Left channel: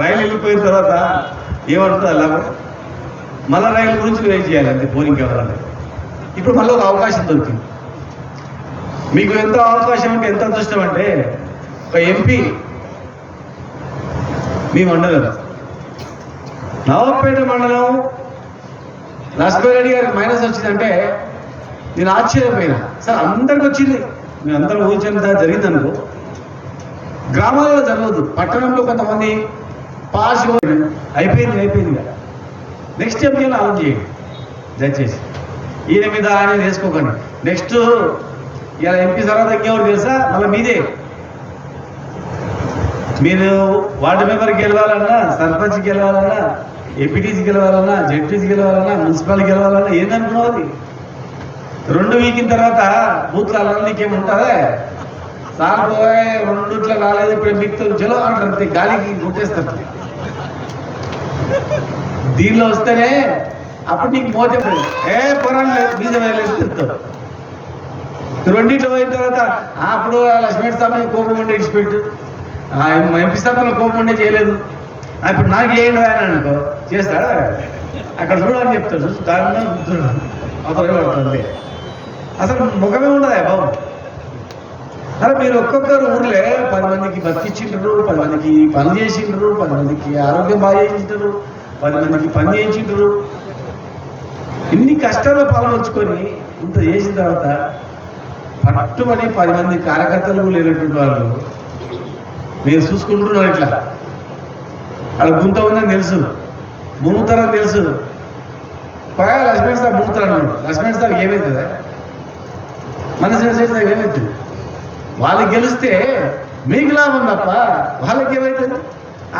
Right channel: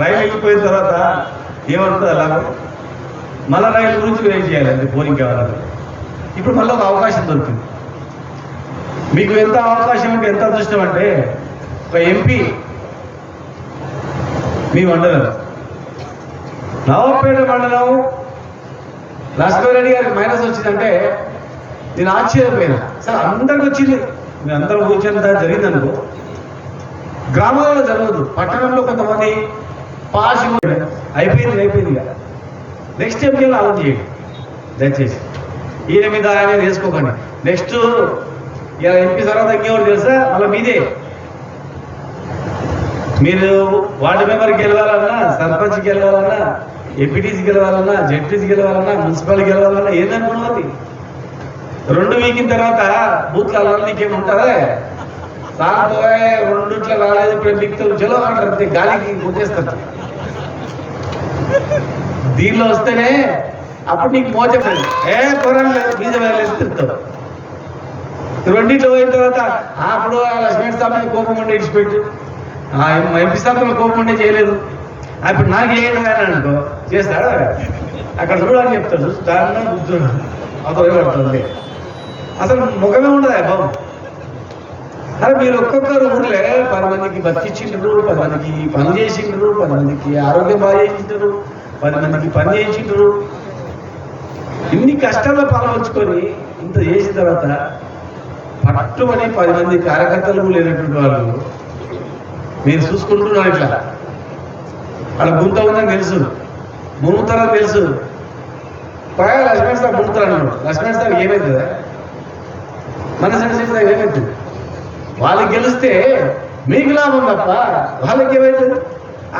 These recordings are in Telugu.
రైలు వెళ్ళిపోయిన తర్వాత ఏమవుతుంది లాభం? మళ్ళీ రైలు గురించి వెయిట్ చేయాలి, అది పోలింగ్ కావాలి. ఇప్పుడు మళ్ళీ ఒక అవకాశం దొరికింది. మీకు ఎంత అవకాశం ఉంటే ఎంత అదృష్టం అంటే, ఒక ఎంపీ మీ మండలం నవాపేట మండలం లక్ష్మీ రెడ్డి గారికి మైనస్ వచ్చిందంటే నేను ఆశ్చర్యపోయినా. సార్ అందరికి వచ్చింది, మీ అందరూ కూర్చొని జరిగిందనుకో. గ్రామాలలో జరగదు, పట్టణంలో కొంతమంది పాస్ అయిపోయింది కదా. నెక్స్ట్ ఎంపీ ఆలోచన చేయండి దయచేసి. ఈయన మీద ఆయన వేసుకోకండి. నెక్స్ట్ ఇలా ఎంపీ తర్వాత ఇంకెవరు తెలుసా, మళ్ళీ మీదే. మీరు వార్డు మెంబర్కి గెలవాలన్నా, సర్పంచ్కి గెలవాలన్నా, ఎంపీటీసీ గెలవాలన్నా, జడ్పీసీ గెలవాలన్నా, మున్సిపాలిటీ గెలవాలన్నా ఏందనుకున్నది 2 వీకిన తర్వాత బూత్లలో నీకేముంటుందా? సార్ పోయే 2 రాలేదు, ఇప్పుడు మీకు చలో అంటారు, గాలికి గుర్తేస్తారు. దీనిలో వస్తేనే అప్పుడు నీకు మోచపడింది, పొరం లేదు, బీజం లేదు తిరుగుతావు. 2 పోయిన తర్వాత అప్పుడు లక్ష్మీ సార్ కోపం ఉండే ఇచ్చిపెట్టు, ఎంపీ సార్ కోపం ఉండే చేయలేదు, ఇప్పుడు నాకు ఏం రాయని అనుకో చేస్తాడు. అక్కడ చూడాలని చెప్తాడు, దాని కూర్చున్నాను అతను పడుతుంది. అసలు ముఖమే ఉండదు బాబు. అరే మీరు ఒక్కొక్కరు ఊర్లే 10 మందికి బతికిచ్చిండ్రు, 10 మందికి పని చేసిండ్రు, 10 మందికి ఆరోగ్యం బాగా చేసిండ్రు, 10 మందికి పని చేసిండ్రు. ఇన్ని కష్టాల్లో పాల్గొంచుకొని ఇంత చేసిన తర్వాత పట్టుబడి 10 మంది కార్యకర్తలు లేనటువంటి వాళ్ళు నేను చూసుకుంటున్నాను. ఇట్లా అక్కడ గుంత ఉందని తెలుసు, మునుగుతారని తెలుసు. పైగా లక్ష్మణ్ సార్ మునుగుతారు అన్నాడు. లక్ష్మణ్ సార్ ఏమవుతుందా? మన సైడ్ ఏమవుతుంది? వాళ్ళకి గెలిస్తే మీకు లాభం తప్ప వాళ్ళకి ఏమవుతుంది?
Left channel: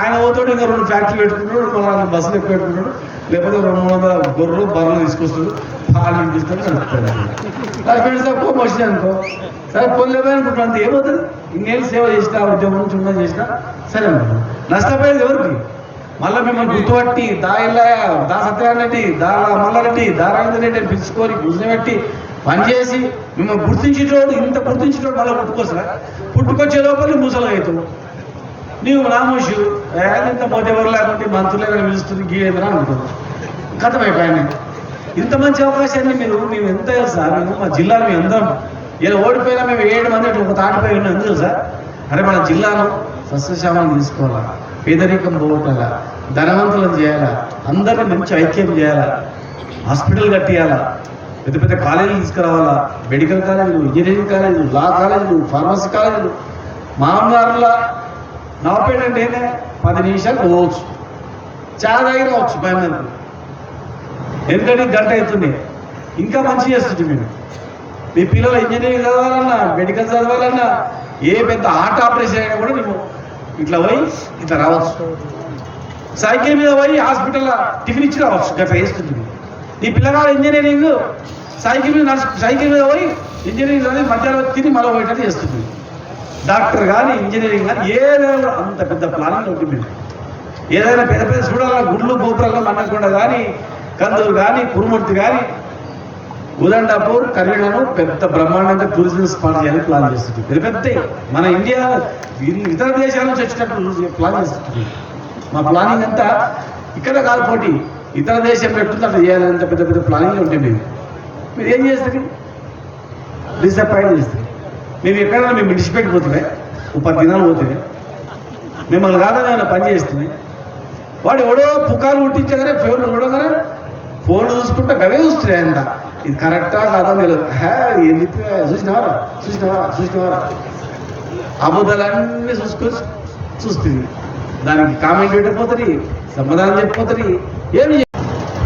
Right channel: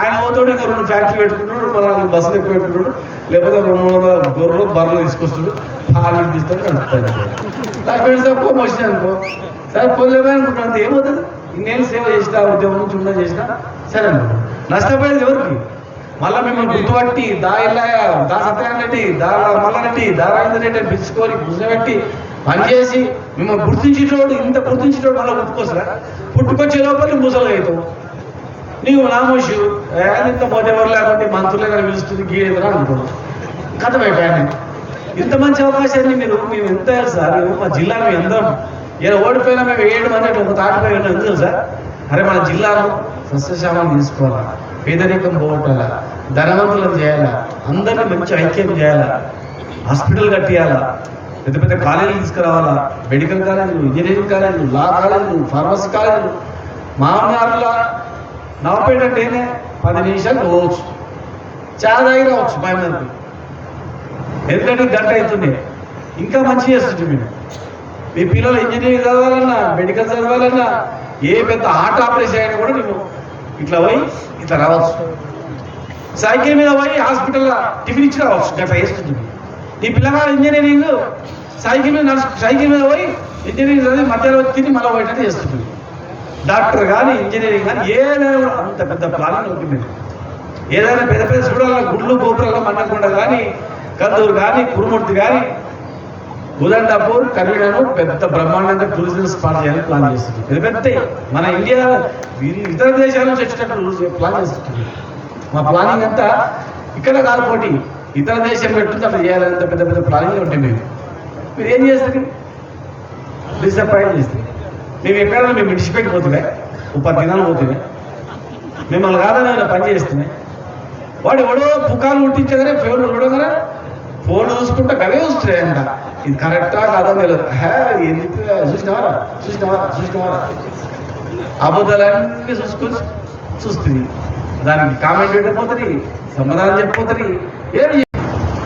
ఆయన పోతాడు, ఇంకా 2 ఫ్యాక్టరీలు పెట్టుకుంటాడు, మన బస్సులు ఎక్కువ పెట్టుకుంటాడు, లేకపోతే 200 గొర్రెలు బర్రెలు తీసుకొస్తాడు, పాలు తీస్తాడు, నడుపుతాడు. లక్ష్మణ్ సార్ కోపం వచ్చింది అనుకో, సరే పొందలేమని అనుకుంటాను, ఏమవుతుంది? ఇన్నేళ్ళు సేవ చేసినా, ఉద్యోగం నుంచి ఉన్న చేసినా సరే అనుకుంటాను. నష్టపోయేది ఎవరికి? మళ్ళీ మిమ్మల్ని గుర్తుపట్టి దా సత్యనారాయణ, దా మల్లారెడ్డి, దా రవీందర్ రెడ్డి పిలుచుకొని కూర్చోబెట్టి పనిచేసి మిమ్మల్ని గుర్తించేటోడు, ఇంత గుర్తించేటోడు మళ్ళీ పుట్టుకొస్తారా? పుట్టుకొచ్చే లోపల ముసలు అవుతావు. నీవు నామోషు ఇంత పోతేవారు లేకుంటే మంత్రులే పిలుస్తుంది గీయేంద్రా అనుకో, కథమైపోయాను. ఇంత మంచి అవకాశాన్ని మేము ఎంత సార్, మా జిల్లాలో ఎందరం ఏదో ఓడిపోయినా మేము 7 మంది అట్లా ఒక తాటిపోయి ఉన్నాం. ఎందుకు సార్? అరే మన జిల్లాను సస్యశ్యామం తీసుకోవాలా, పేదరికం పోగొట్టాలా, ధనవంతులను చేయాలా, అందరినీ మంచి ఐక్యం చేయాలా, హాస్పిటల్ కట్టియాలా, పెద్ద పెద్ద కాలేజీలు తీసుకురావాలా, మెడికల్ కాలేజీలు, ఇంజనీరింగ్ కాలేజీలు, లా కాలేజీలు, ఫార్మసీ కాలేజీలు. మామూలుగా నవపేట అంటే 10 నిమిషాలు పోవచ్చు, చాలా దగ్గర రావచ్చు 10 మంది. ఎందుకంటే గంట అవుతుండే. ఇంకా మంచి చేస్తుంది. మీరు మీ పిల్లలు ఇంజనీరింగ్ చదవాలన్నా, మెడికల్ చదవాలన్నా, ఏ పెద్ద హార్ట్ ఆపరేషన్ అయినా కూడా నువ్వు ఇట్లా పోయి ఇట్లా రావచ్చు. సైకిల్ మీద పోయి హాస్పిటల్లో టిఫిన్ ఇచ్చి రావచ్చు, గట్లా వేస్తుంది. నీ పిల్లవాడు ఇంజనీరింగ్ సైకిల్ మీద పోయి ఇంజనీరింగ్ చదివి మధ్యాహ్నం తిని మళ్ళీ పోయేటట్టు చేస్తుంది. డాక్టర్ కానీ ఇంజనీరింగ్ కానీ ఏదైనా అంత పెద్ద ప్లానింగ్ ఉంటుంది. ఏదైనా పెద్ద పెద్ద చూడాలన్నా గుళ్ళు గోపురాల్లో మండకుండా కానీ, కందూరు కానీ, కురుమూర్తి కానీ, ఉదండాపూర్, కరీడాను పెద్ద బ్రహ్మాండంగా టూరిజం స్పాట్ చేయాలని ప్లాన్ చేస్తుంది. పెద్ద పెద్ద మన ఇండియా ఇతర దేశాల నుంచి వచ్చినట్టు ప్లాన్ చేస్తుంది. మా ప్లానింగ్ అంతా ఇక్కడ కాదు, పోటీ ఇతర దేశం పెట్టుకుంటే అట్లా చేయాలంటే పెద్ద పెద్ద ప్లానింగ్లు ఉంటాయి. మీరు ఏం చేస్తారు? డిసప్పాయింట్ చేస్తారు. మేము ఎక్కడైనా మేము విడిచిపెట్టిపోతున్నాయి, 10 దినాలు పోతున్నాయి, మిమ్మల్ని కాదని పని చేస్తున్నాయి. వాడు ఎవడో పుకాలు పుట్టించగానే ఫోన్లు చూడగానే ఫోన్ చూసుకుంటా గవే చూస్తున్నాయి అంట. ఇది కరెక్టా కాదా తెలియదు. చూసినవారా అబద్ధాలన్నీ చూస్తుంది. దానికి కామెంట్ పెట్టకపోతుంది, సమాధానం చెప్పిపోతుంది. ఏమి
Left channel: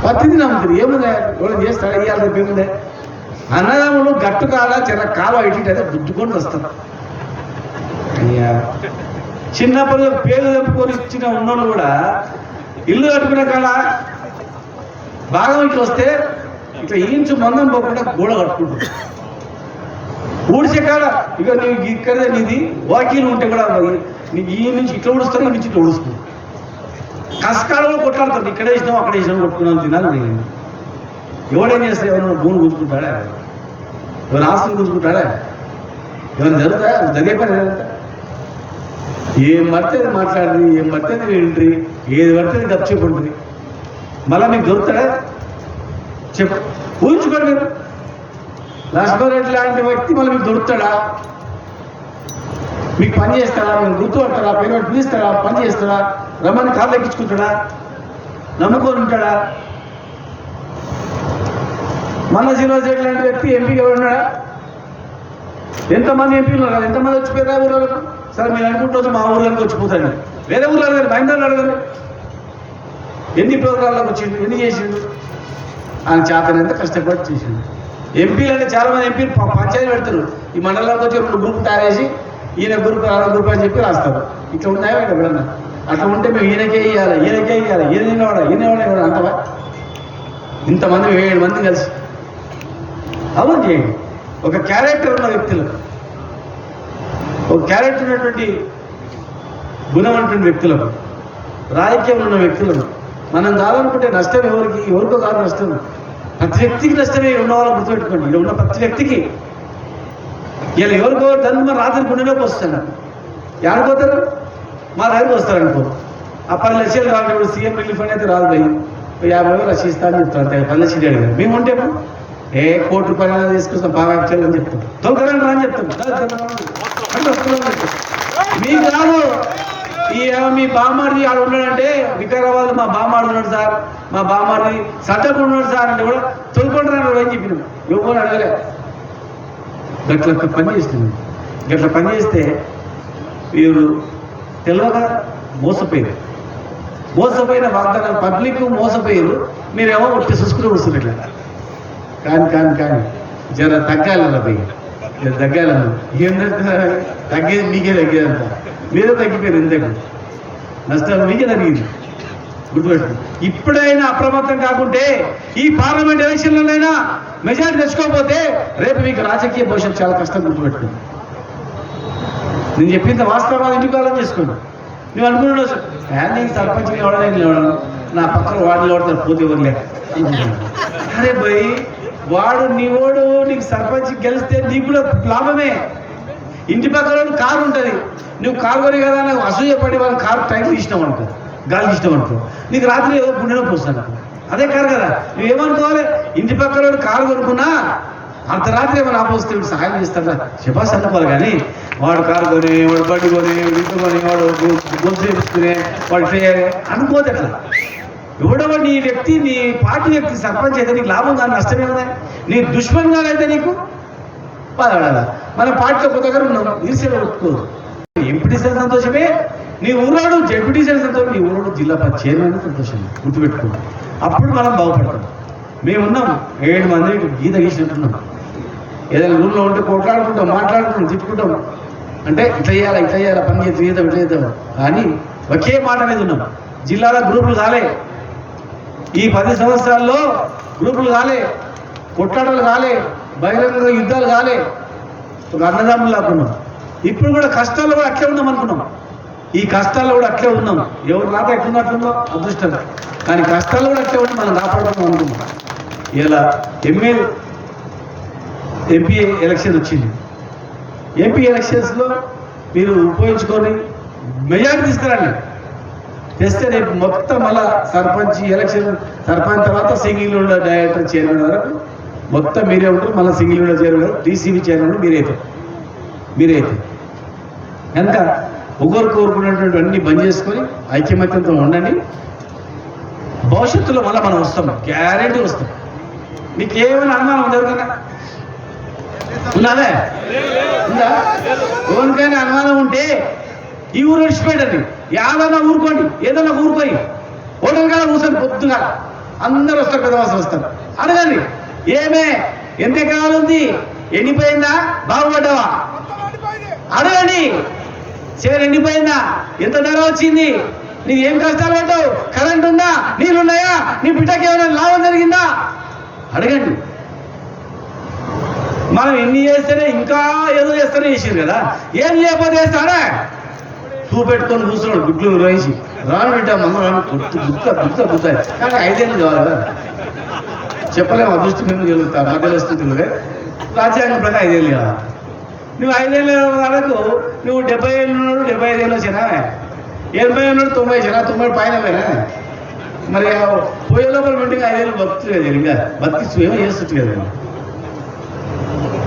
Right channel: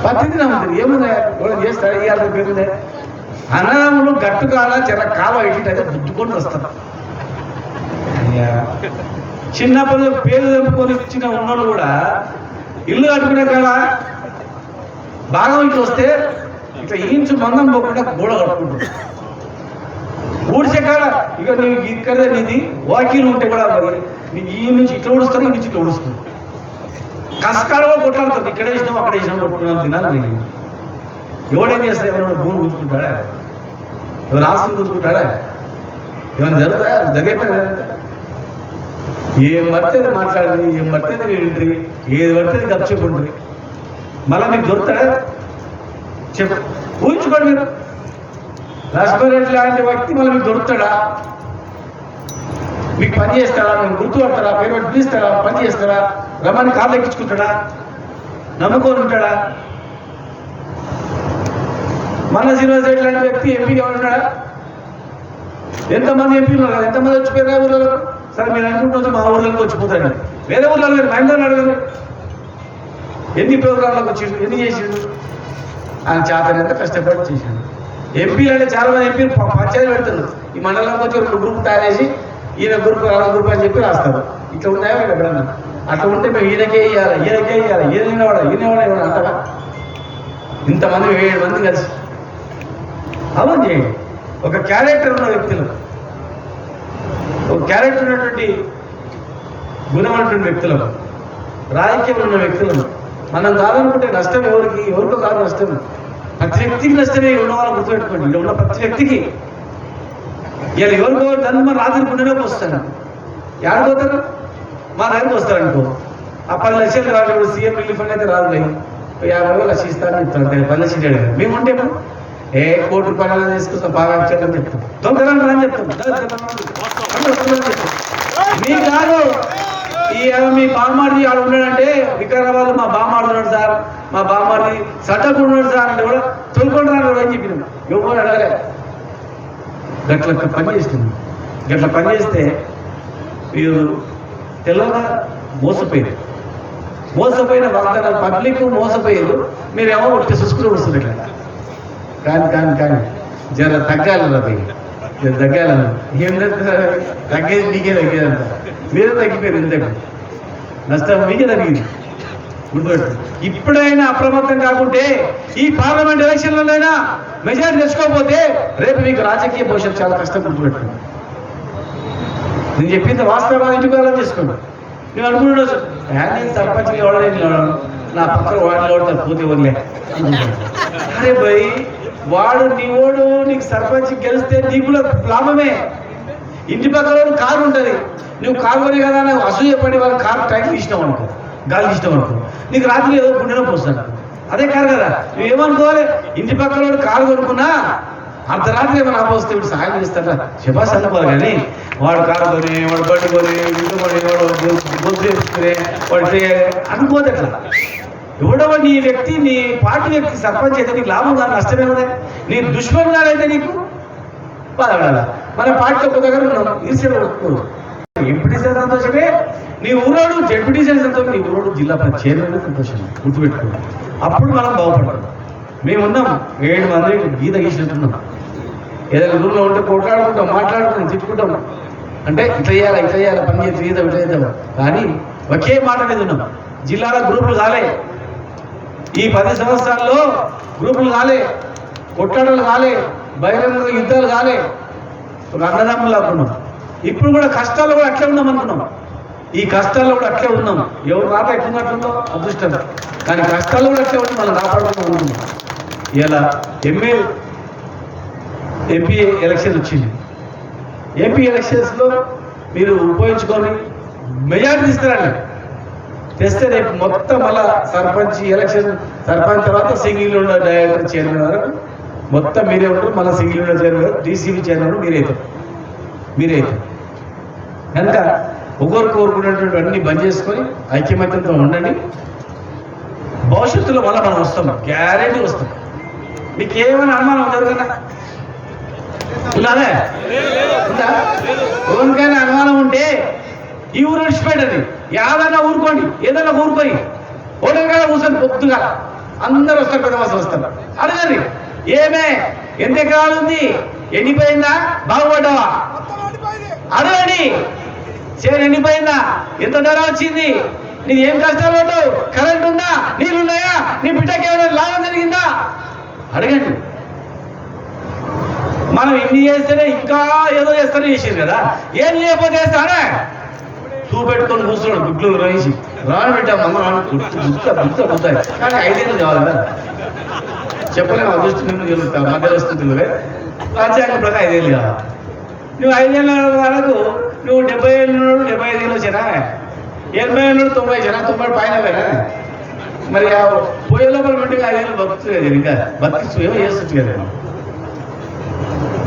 పత్తిది నమ్ముతుంది. ఏముందా ఎవరైనా చేస్తారా? ఇవాళ రేపు ఏముందా? అన్నదమ్ములు గట్టు కాడ చిన్న కాలం ఎట్టింటే దుద్దుకొని వస్తారు. చిన్నప్పుడు పేరు తెంపుకొని ఇచ్చిన ఉన్నోళ్ళు కూడా ఇల్లు కట్టుకునే కాడ భాగం ఇట్లా వస్తే ఇట్లా ఇంచు మందం పోకుండా గోడ కట్టుకుంటుంది. ఊడిచే కాడ ఇక నీకు ఇక్కడే నీది వాకీలు ఉంటే కూడా నీకు ఈ నుంచి ఇట్లా ఊడుస్తారు, ఈ నుంచి ఇట్లా ఊడుస్తుంది. కసకాడ కూడా కొట్లాడుతుంది. ఇక్కడ వేసినాం అక్కడ వేసినాం కొట్టుకున్నాం తినాలి. నేను ఎవడేం చేస్తా? ఎవరైనా భూమి కూర్చుకుంటాడా? ఎవరైనా ఆస్తులు కూర్చుకుంటాడా? ఏమైనా జరుగుతా? జరిగే పని ఏం పడుతుంది మాట్లాడి, ఏం పడుతుంది వింట్రీ, ఏది పడుతుంది గప్ చెప్పుండ్రి. మళ్ళీ మీకు దొరుకుతాడా చెప్పు, ఊహించుకోండి. మీరు లక్ష్మణరెడ్డి లాంటి వ్యక్తి మళ్ళీ మీకు దొరుకుతాడా? మీకు పని చేస్తాడా? మీరు గుర్తుపడతారా? పేమెంట్ పిలుస్తాడా? పని చేస్తాడా? రమ్మని కాళ్ళు ఎక్కించుకుంటాడా? నమ్ముకొని ఉంటాడా? మన శ్రీనివాసరెడ్డి లాంటి వ్యక్తి ఎంపీగా ఉన్నాడా? ఎంతమంది ఎంపీలు ఉన్నారు కదా, ఎంతమంది వచ్చిపోయారు ఊళ్ళో? సార్ మీరు అనుకుంటుంది మా ఊళ్ళోకి వచ్చిపోతాడు, వేరే ఊళ్ళో అడగండి, మా ఇంట్లో అడగండి. ఎన్ని ప్రోగ్రాంలకు వచ్చిండు, ఎన్ని చేసిండు? ఆయన చేతనంత కష్టపడి చేసిండు. ఎంపీలు అంటే చాలా మంది ఎంపీలు పంచాయతీ పెడతారు. ఈ మండలంలోకి వచ్చి ఒక గ్రూప్ తయారు చేసి ఈయన గ్రూప్ ఆ గ్రూప్ అని చెప్పి రాస్తారు. ఇట్లా ఉన్నాయా ఎప్పుడన్నా? అట్లా ఉంటే మేము ఈయనకే ఇవ్వాలి, ఈయనకే ఇవ్వాలి, ఈయనవాడా అంటవా? ఇంతమంది 7 మంది కలిసి అవును చేయండి. ఒక క్యారెక్టర్ ఉన్న వ్యక్తులకు, ఒక క్యారెక్టర్ ఉన్నటువంటి గుణమైనటువంటి వ్యక్తులకు, రాజకీయం ఉన్న వ్యక్తులను మనం కాదనుకుంటే నష్టం ఎవరికో కాదు నష్టం. ప్రతి వ్యక్తికి నష్టమే. ఉన్న వాళ్ళు గుర్తుపెట్టుకోండి, ఇక్కడ ఉన్న ప్రతి వ్యక్తికి. ఇలా ఎవరికో దాన్ని మన రాత్రి పుణ్యలోకి వస్తాను, ఎక్కడికి మా దగ్గరికి వస్తారనుకో, ఆ 10 లక్షలు రాదు, సీఎం రిలీఫ్ అయితే రాదు, 50,000 లక్ష ఇస్తాను చెప్తాను. 10 లక్షలు అడిగారు. మేము ఉంటేమో ₹1 కోటి తీసుకుంటాం, బాగా అని చెప్తాం, దొంగలని రాని చెప్తాం, అంటే వస్తుందని చెప్తాం. మీకు కాదు, మీ బామ్మాడి ఆడు ఉన్నాడంటే వికారాబాద్ మా బామ్మాడు ఉన్నాడు సార్, మా బామ్మాడి సట్టకు ఉన్నాడు సార్ అంటే కూడా తొలుకుంటున్నాడు అని చెప్పినాం. ఎవరు అడగలే. గట్ల పని చేస్తున్నాం. గట్ల పని చేస్తే మీరు తెలియక మోసపోయిన వాగ్దానాలు పబ్లిక్ మోసపోయారు. మీరేమో ఒట్టి చూసుకుని వస్తుంది ఇట్లా. కానీ జర తగ్గాలన్న పోయి జర తగ్గాలన్న. ఏంటంటే తగ్గేది మీకే తగ్గేదంట, మీరే తగ్గిపోయారు. ఇంతకు నష్టం మీకే తగ్గింది, గుర్తుపెట్టు. ఇప్పుడైనా అప్రమత్తం కాకుంటే ఈ పార్లమెంట్ ఎలక్షన్లోనైనా మెజారిటీ తెచ్చుకోకపోతే రేపు మీకు రాజకీయ భవిష్యత్తు చాలా కష్టం, గుర్తుపెట్టుకోండి. నేను చెప్పింది వాస్తవాలు ఇంటికి వాళ్ళని చేసుకోండి. నువ్వు అనుకుంటున్నావు నేను సర్పంచ్కి ఎవడలేదు, నా పక్కన వాడిని ఓడతాను పూర్తి వదిలే. అరే భయ్, వాడు నీవోడు నీకు సర్పంచ్ గెలిస్తే నీకు లాభమే. ఇంటి పక్కన కారు ఉంటుంది, నువ్వు కారు కొని కదా అసూయపడి వాళ్ళ కారు టైం తీసినావు అనుకో, గాలి తీసినావు అనుకో, నీకు రాత్రి ఏదో గుండె నొప్పి వస్తాను. అదే కారు కదా, నువ్వేమనుకోవాలి? ఇంటి పక్కన కారు కొనుక్కున్నా అర్ధరాత్రి ఏమైనా ఆపోస్తే సాయం చేస్తాడా శబాస్ అనుకోవాలి. కానీ వాడు కారు కొని, వాడు బండి కొని, ఇంటి కొని, వాడు గొంతు వేసుకునే, వాడు అనుకోదు. అట్లా ఎవడో నీ వ్యక్తి, నీ పార్టీ వ్యక్తి సర్పంచ్ అయితే నీకు లాభం కాదు, నష్టమేమన్నా? నీ దుష్మన్ గారైతే నీకు బాధపడాలా? మన పార్టీలో ఒక దగ్గర ఉన్నాం, ఈర్ష్యలు కొట్టుకోదు. ఎంపీటీసీలు సంతోషమే, నీ ఊరోడు జెడ్పీటీసీలు సంతోషం, నీ ఊరోడు జిల్లా పరిషత్ చైర్మన్ సంతోషం, గుర్తుపెట్టుకుంటాం. అప్పుడు మనం బాగుపడతాం. మేమున్నాం 7 మంది గీత గీసినట్టున్నాం. ఏదైనా రూమ్లో ఉంటే కొట్లాడుకుంటాం, మాట్లాడుకుంటాం, తిట్టుకుంటాం. అంటే ఇట్లా చేయాలి పని చేద్దాం, ఇట్లా చేద్దాం. కానీ ఒకే మాట మీద ఉన్నాం. జిల్లాలో గ్రూపులు కాలే, ఈ 10 సంవత్సరాల్లో గ్రూపులు కాలే, కొట్లాటలు కాలే, బహిరంగ యుద్ధాలు కాలే, ఒక అన్నదమ్ములు లాక్కున్నాం. ఇప్పుడు కూడా కష్టాల్లో కూడా అట్లే ఉన్నాం అనుకున్నాం. ఈ కష్టాల్లో కూడా అట్లే ఉన్నాం. ఎవరు రాక ఎట్లున్నట్లుందో అదృష్టం, కానీ కష్టాల్లో కూడా అట్లే ఉండి మనం రాపాడుతున్నాం అనుకున్నాం. ఇలా ఎంపీ ఎలక్షన్ వచ్చింది. ఎంపీ ఎలక్షన్స్లో మీరు ఉపయోగించుకొని మెజారిటీ తీసుకురండి. తెస్తే రేపు మొత్తం మళ్ళా సర్పంచ్ ఎలక్షన్, సర్పంచ్ తర్వాత సింగిల్ విండో డైరెక్టర్ చైర్మన్ వరకు మొత్తం మీరే ఉంటారు. మళ్ళీ single window chairman, DCB chairman మీరే కనుక ఒకరు కోరుకునేటువంటి అన్ని బంద్ చేసుకొని ఐక్యమత్యంతో ఉండండి. భవిష్యత్తులో మళ్ళీ మనం వస్తాం, గ్యారెంటీ వస్తాం. మీకు ఏమైనా అనుమానం ఉండదు కదా? ఉన్నదే ఉందా? ఎవరికైనా అనుమానం ఉంటే ఈ ఊరు విడిచిపెట్టండి, ఏదైనా ఊరుకోండి, ఏదైనా ఊరుకోయి హోటల్ కదా కూర్చొని పొద్దుగా అందరూ వస్తారు కదా, వస్తారు. అడగండి, ఏమే ఎంత ఎకరాలు ఉంది, ఎండిపోయిందా, బాగుపడ్డావా? అడగండి. చేరు ఎండిపోయిందా, ఎంత ధర వచ్చింది, నీకు ఏం కష్టాలు పడ్డావు, కరెంట్ ఉందా, నీళ్ళున్నాయా, నీ బిడ్డకి ఏమైనా లాభం జరిగిందా? అడగండి. మనం ఎన్ని చేస్తేనే ఇంకా ఏదో చేస్తేనే చేసింది కదా, ఏం లేకపోతే చేస్తాడా? చూపెట్టుకొని కూర్చున్నాడు గుడ్లు రాసి, రాను బిడ్డ మనం రాను గుర్తాయి. కానీ 5 ఏళ్ళు కావాలి కదా, చెప్పలేము. అదృష్టి ముందు వెళ్తా మధ్యస్థితులే రాజ్యాంగం ప్రకారం 5 ఏళ్ళు కావాలి. నువ్వు 5 ఏళ్ళ వరకు నువ్వు 70 ఏళ్ళు ఉన్నాడు 75 ఏళ్ళు వచ్చినా 80 ఉన్నాడు 90 వచ్చినా 90 పైన పోయినా మరి ఆ పోయే లోపల పెట్టి 5 ఏళ్ళు బతుకుతుంది కదా ఇంకా బతికి ఏమో చేస్తుంది కదా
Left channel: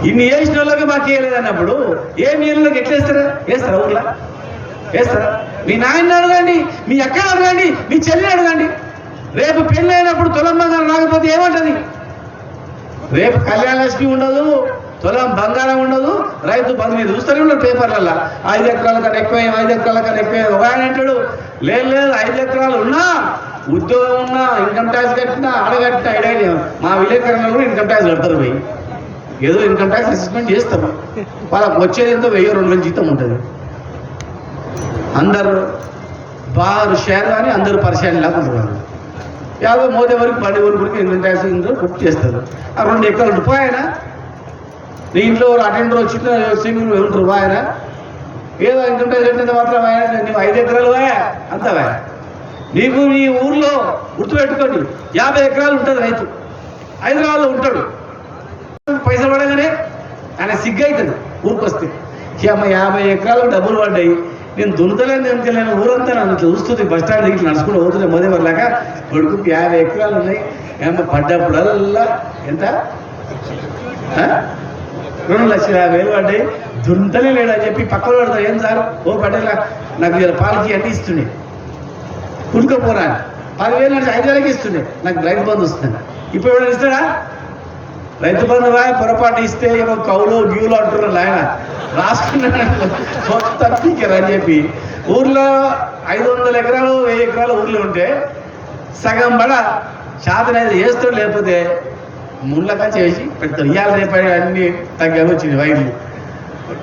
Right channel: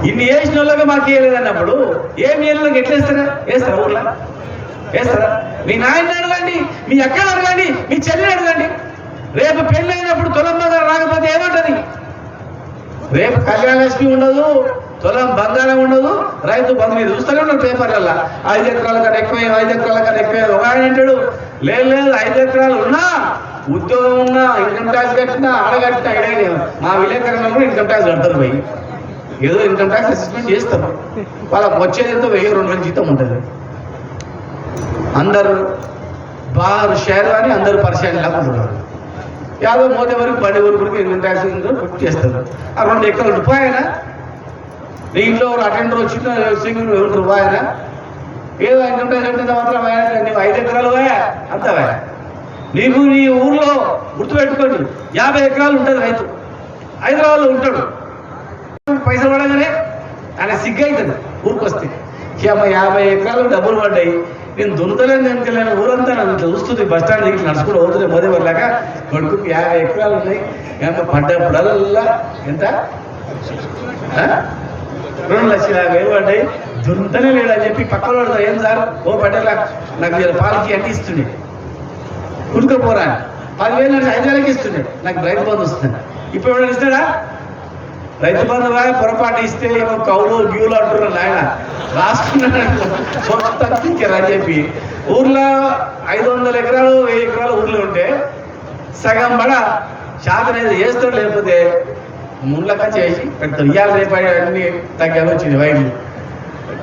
ఇన్ని వేసిన వాళ్ళకి మాకు వేయలేదు అన్నప్పుడు ఏం ఏళ్ళకి ఎట్లా వేస్తారా ఊర్లో వేస్తారా? మీ నాయన అడగండి, మీ అక్కని అడగండి, మీ చెల్లిని అడగండి. రేపు పెళ్ళి అయినప్పుడు తులం బంగారం రాకపోతే ఏమంటది? రేపు కళ్యాణ లక్ష్మి ఉండదు, తులం బంగారం ఉండదు, రైతు బంధు మీరు చూస్తూనే ఉన్నారు పేపర్లలో 5 ఎకరాల కన్నా ఎక్కువ 5 ఎకరాల కన్నా ఎక్కువ. ఒక ఆయన అంటాడు లేదు 5 ఎకరాలు ఉన్నా ఉద్యోగం ఉన్నా ఇన్కమ్ ట్యాక్స్ కట్టినా అడగట్టినా ఐడియా మా విలేకరులు కూడా ఇన్కమ్ ట్యాక్స్ కడతారు పోయి ఏదో ఇన్కమ్ ట్యాక్స్ అసెస్మెంట్ చేస్తారు. వాళ్ళకి వచ్చేది ఎంతో 1000-2000 జీతం ఉంటుంది. అందరు బాగా షేర్ అని అందరూ పరిశాన్ లేకుంటున్నారు. 50 మోదే వరకు 10 వరకు ఇన్కమ్ ట్యాక్స్ గుర్తు చేస్తారు. ఆ 2 ఎకరాలు రూపాయనా నీ ఇంట్లో అటెండర్ వచ్చిన సింగిల్ రూపాయనా ఏదో ఇన్కమ్ ట్యాక్స్ ఎంత మాత్రం నువ్వు 5 ఎకరాలు అంతవా నీకు నీ ఊర్లో గుర్తుపెట్టుకోండి 50 ఎకరాలు ఉంటుంది రైతు హైదరాబాద్లో ఉంటాడు. పైసలు పడగానే ఆయన సిగ్గైతుంది ఊరికి వస్తే అమ్మ 50 ఎకరాలు డబ్బులు పడ్డాయి నేను దుంతలేని వెనుకలేని ఊరంతా నన్ను చూస్తుంది బస్ స్టాండ్ దిగి నడుచుకుంటూ పోతుంది మోదే వాళ్ళగా కొడుకుకి 50 ఎకరాలు ఉన్నాయి ఏమో పడ్డప్పుడల్లా ఎంత 2,50,000 పడ్డాయి దుంతనే లేడని చెప్పి పక్కన పడతారు. ఏం సార్ ఓ పడ్డా నాకు పాలకి అన్ని ఇస్తుండే కుడుకపోరా 10,000 అంటే 5,000కి ఇస్తుండే నాకు రైతు బంధు వస్తుంది. ఇప్పుడు ఎవరైనా ఇస్తాడా? రైతు బంధు పొరపాటు ఇస్తే ఏమో కౌలు గ్యూలు అంటున్నారు ఆయన రాసుకున్నాడు అని చెప్పి ఊర్లో 500 ఎకరాలు 1000 ఎకరాలు ఊర్లో ఉంటే సగం బడ శాతనైదు చేస్తాడు లేకపోతే ముళ్ళక చేసి పెడతారు. ఇవాళ రేపాయి అన్ని తగ్గా వచ్చింది వైర్లు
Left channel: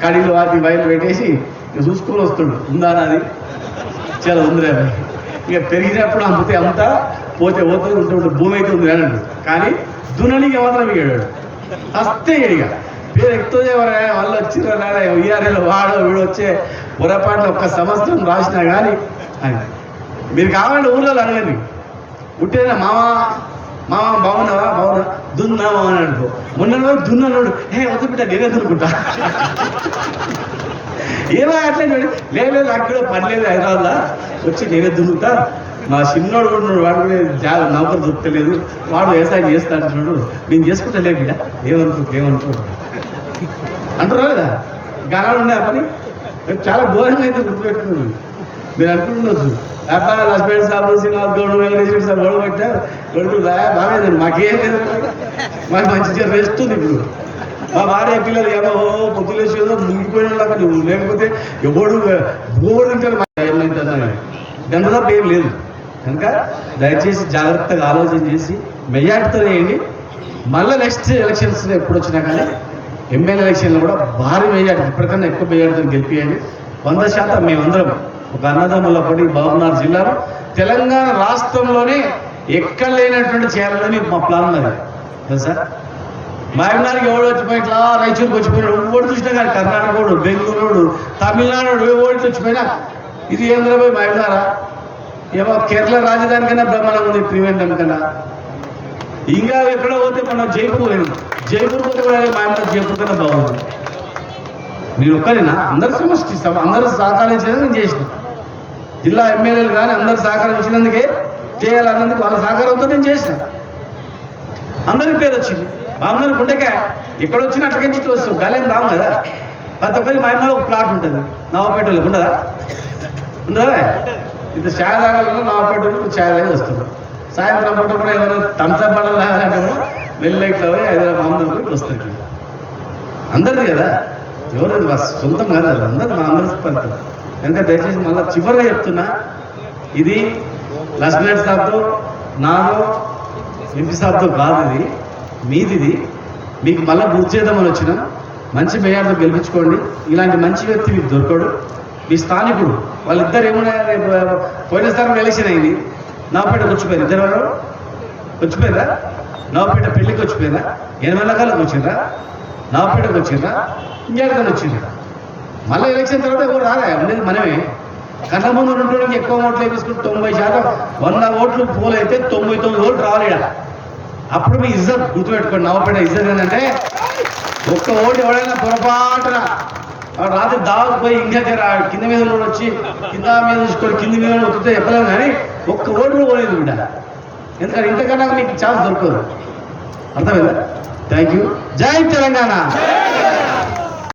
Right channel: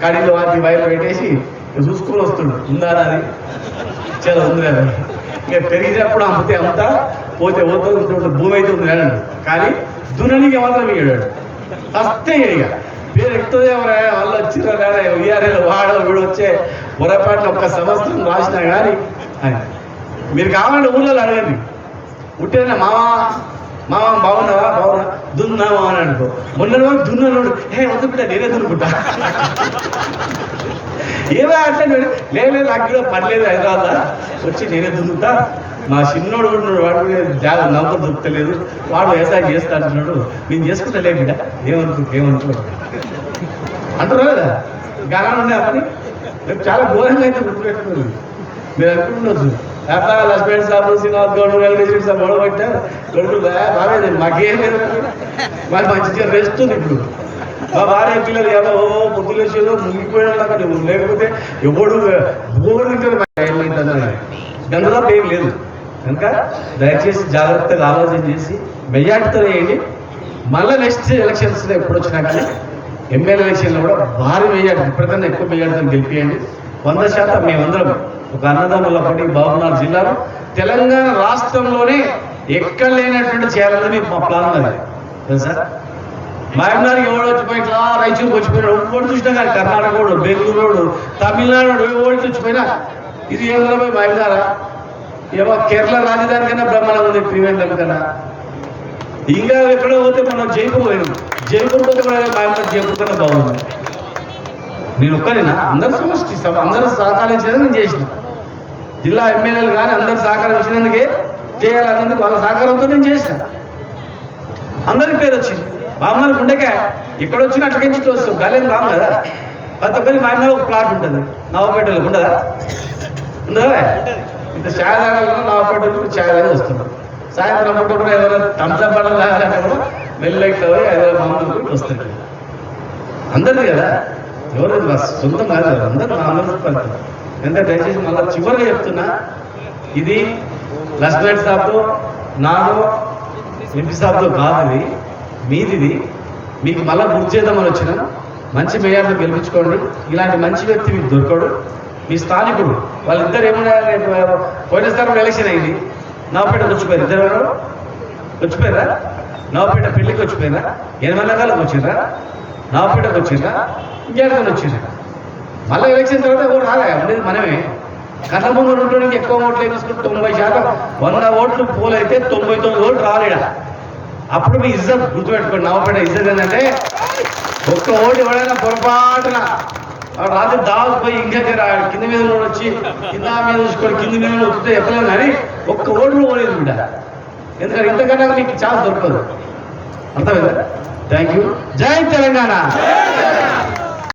కడీలు వాటి వైర్లు పెట్టేసి చూసుకుని వస్తుండు ఉందా అది చాలా ఉంది అది ఇక పెరిగినప్పుడు అమ్మితే అమ్ముతా పోతే పోతే ఉంటుంటుంది భూమి అయితే ఉంది అన్నాడు. కానీ దున్ననికి మాత్రం ఏడాడు వస్తే ఏడిగా పేరు ఎక్కువ ఎవరైనా వాళ్ళు వచ్చిన ఇయర్ వాడు వీడు వచ్చే పొరపాట్లు ఒక్క సంవత్సరం రాసినా కానీ మీరు కావాలంటే ఊళ్ళో అడగండి ఉంటేనా మామ బాగున్నావా దున్నామా అని అనుకో మొన్న దున్నాడు వద్దు బిడ్డ నేనే దున్నుకుంటా ఏమో అట్లా లేదు నాకు పర్లేదు హైదరాబాద్లో వచ్చి నేనే దున్నుతా మా చిన్నోడు కూడా వాడు కూడా నమ్మకం దొరకలేదు వాడు వ్యవసాయం చేస్తా అంటున్నాడు నేను చేసుకుంటా లే బిడ్డ ఏమనుకో అంటున్నారు కదా గానాలు ఉన్నాయి అతని రేపు చాలా ఘోరంగా అయితే గుర్తుపెట్టుకున్నాను. మీరు అనుకుంటున్నారు అట్లా లక్ష్మణ్ సార్ శ్రీనివాస్ గౌడ్ వెంకటేశ్వర సార్ గొడవ పెట్టారు కొడుకు బాగాలేదు మాకేం లేదు మాకు మంచిగా రెస్తుంది. ఇప్పుడు మా భార్య పిల్లలు ఏమో పొద్దులేసేదో మునిగిపోయినలాగా నువ్వు లేకపోతే ఎవడు బోర్డు ఏమైందని గందరూ ఏం లేదు కనుక దయచేసి జాగ్రత్తగా ఆలోచన చేసి మెజార్టీతో వేయండి. మళ్ళీ నెక్స్ట్ ఎలక్షన్స్ ఎప్పుడు వచ్చినా కానీ ఎమ్మెల్యే ఎలక్షన్లో కూడా భారీ మెజార్టీ ఇప్పటికన్నా ఎక్కువ మెజార్టీతో గెలిపియండి. 100% మేమందరం ఒక అన్నదమ్ముల పడి బాబునాథ్ జిల్లాలో తెలంగాణ రాష్ట్రంలోనే ఎక్కడ లేనటువంటి చేయాలని మా ప్లాన్ అది తెలుసా. మహబూబ్నగర్కి ఎవడు వచ్చిపోయి ఇట్లా రైతులకు వచ్చిపోయినాడు ఓడి చూసినా కానీ కర్ణాటక బెంగళూరు తమిళనాడు ఓడి వచ్చిపోయినా ఇది ఏంద్రపోయి మహబూబ్నగర్ ఏమో కేరళ రాజధాని కన్నా బ్రహ్మాండంగా ఉంది త్రివేంద్రం కన్నా. ఇంకా ఎక్కడో పోతే మనం జైపూర్ పోయినాం జైపూర్ పోతే కూడా మహబూబ్నగర్ జైపూర్ కన్నా బాగుంది. నేను ఒక్కరేనా అందరూ సమష్టి అందరూ సహకరించేది నేను చేసిన జిల్లా ఎమ్మెల్యేలు కానీ అందరూ సహకరించినందుకే చేయాలన్నందుకు వాళ్ళ సహకారంతో నేను చేసిన అందరికి పేరు వచ్చింది. మహబూబ్నగర్ ఉండకే ఎక్కడ వచ్చినా అట్లకి వస్తుంది గాలేం రాము కదా. ప్రతి ఒక్కరికి మహబూబ్నగర్ ఒక ప్లాట్ ఉంటుంది నవపేటలకు ఉండదా ఉండదా ఇంత ఛాయ్ తాగాలను నవపేటలకు ఛాయ్ తాగి వస్తున్నారు. సాయంత్రం పూట కూడా ఎవరైనా థమ్స్అప్ పడలు తాగాలంటే కూడా వెళ్ళైట్లో పోయి మహబూబ్నగర్కి వస్తుంది. అందరిది కదా ఎవరు సొంతం కాదు కదా అందరూ పడుతుంది. అంటే దయచేసి మళ్ళీ చివరిగా చెప్తున్నా ఇది లక్ష్మణ్ సాబ్తో నాదో ఎంపీ సాబ్తో కాదు ఇది మీదిది. మీకు మళ్ళీ గుర్తు చేద్దామని వచ్చిన మంచి మేయర్తో గెలిపించుకోండి. ఇలాంటి మంచి వ్యక్తి మీకు దొరకడు. మీ స్థానికుడు వాళ్ళిద్దరు ఏమన్నా పోయినసారి కూడా ఎలక్షన్ అయింది నవపేటకు వచ్చిపోయారు ఇద్దరు వచ్చిపోయారా నవపేట పెళ్ళికి వచ్చిపోయినా 8 నెలలకు వచ్చిందా నవపేటకు వచ్చిందా ఇంకేడుకొని వచ్చింది. మళ్ళీ ఎలక్షన్ తర్వాత కూడా రాగా ఉండేది మనమే. కన్న ముందు ఉండడానికి ఎక్కువ ఓట్లు వేసుకుంటే 90% 100 ఓట్లు పోలైతే 99 ఓట్లు రావాలి. అప్పుడు మీ ఇజ్జత్ గుర్తుపెట్టుకోండి. నవపేట ఇజ్జత్ ఏంటంటే ఒక్క ఓటు ఎవడైనా పొరపాటున వాడు రాత్రి దావకు పోయి ఇంకా కింద మీద వచ్చి కింద మీద చూసుకొని కింద మీద వస్తే ఎప్పుడైనా కానీ ఒక్క ఓటు పోలేదు బిడ్డ. ఎందుకంటే ఇంతకన్నా మీకు ఛాన్స్ దొరకదు. అర్థమైందా? Thank you. జై తెలంగాణ.